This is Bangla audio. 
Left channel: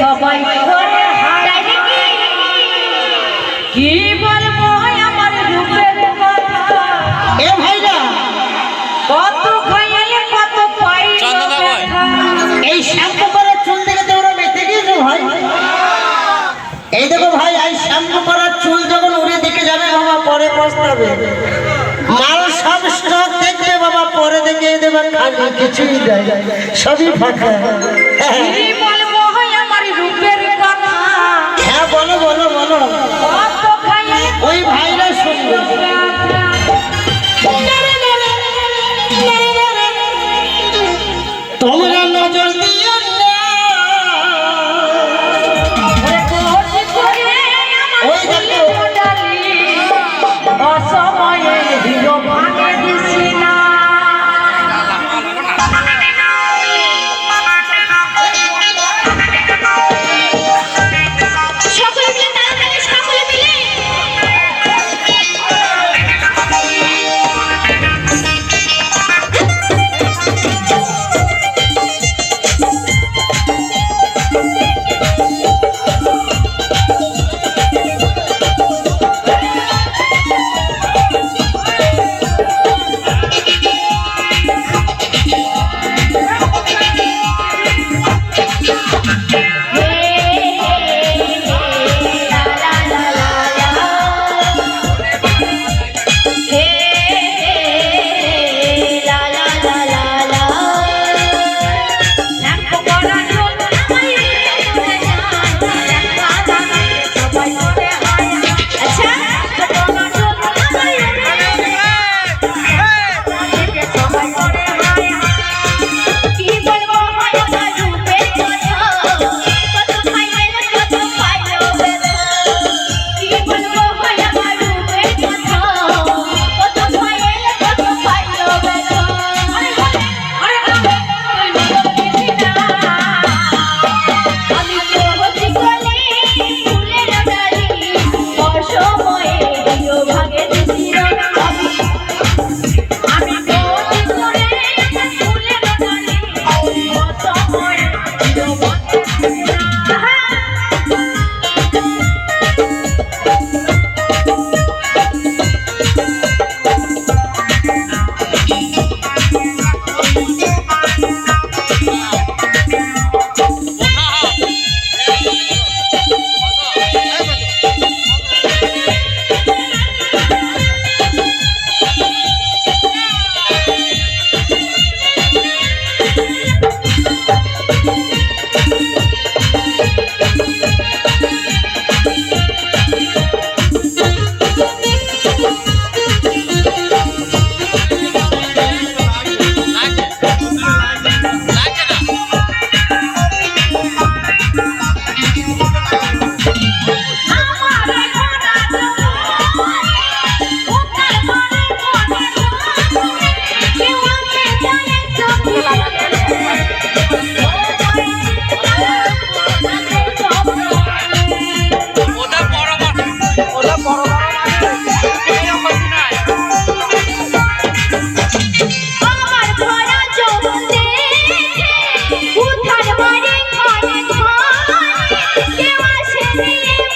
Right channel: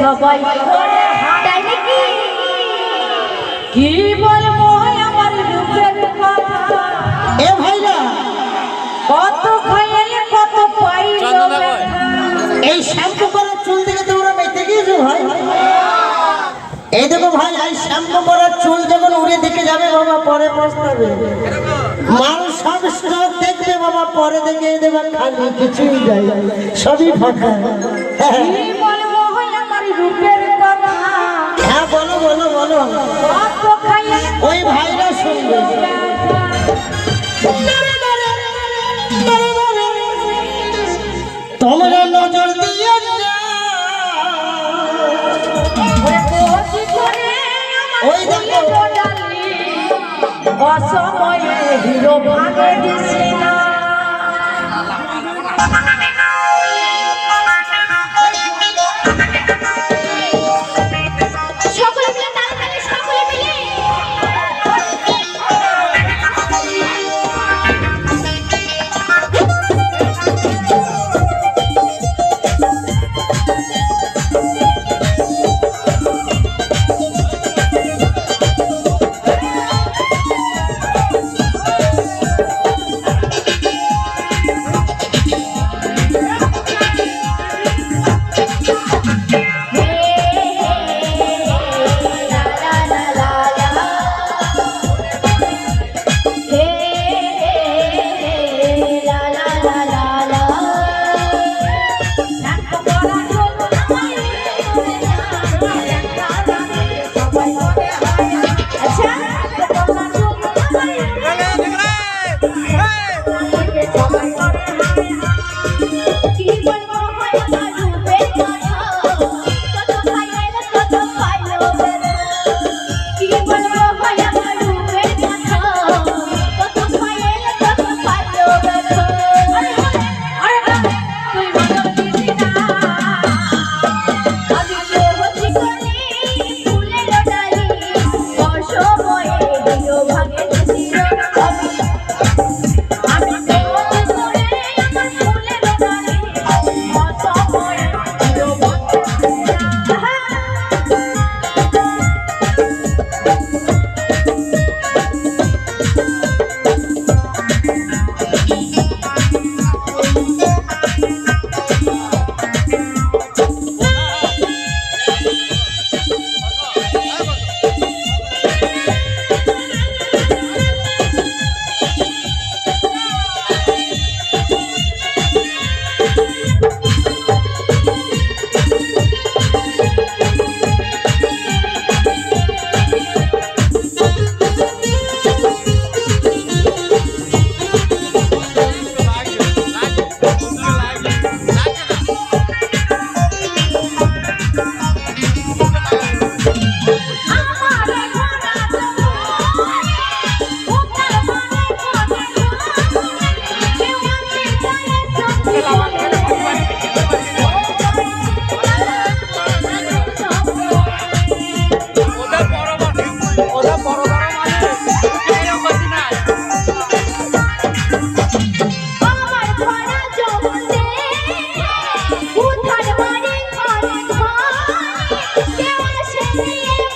সবাই তাই নাকি? কি বলব আমার রূপের এ ভাইরা কত খাইলে কত ব্যথা। এই শ্যাম্পু করা চুল থেকে তোমরা বেঁচে গিয়েছো ভাই? এই দেখো ভাই এই শ্যাম্পু করা চুল যখন উড়ে দিকে যাবে বাবা পরে পস্তাবে। মাল সব স্টক দেখবে বাবা পরে দেখে দেবে খালি কিছুই দেয় সবই ফাঁকা। রূপের কথা। হ্যাঁ বলো বলো বলো। ওই ভাইরা শুনবে। তোমরা নজর দিয়ে ওই দেখো। অসময়ে হিরো ভাগে Thank. Música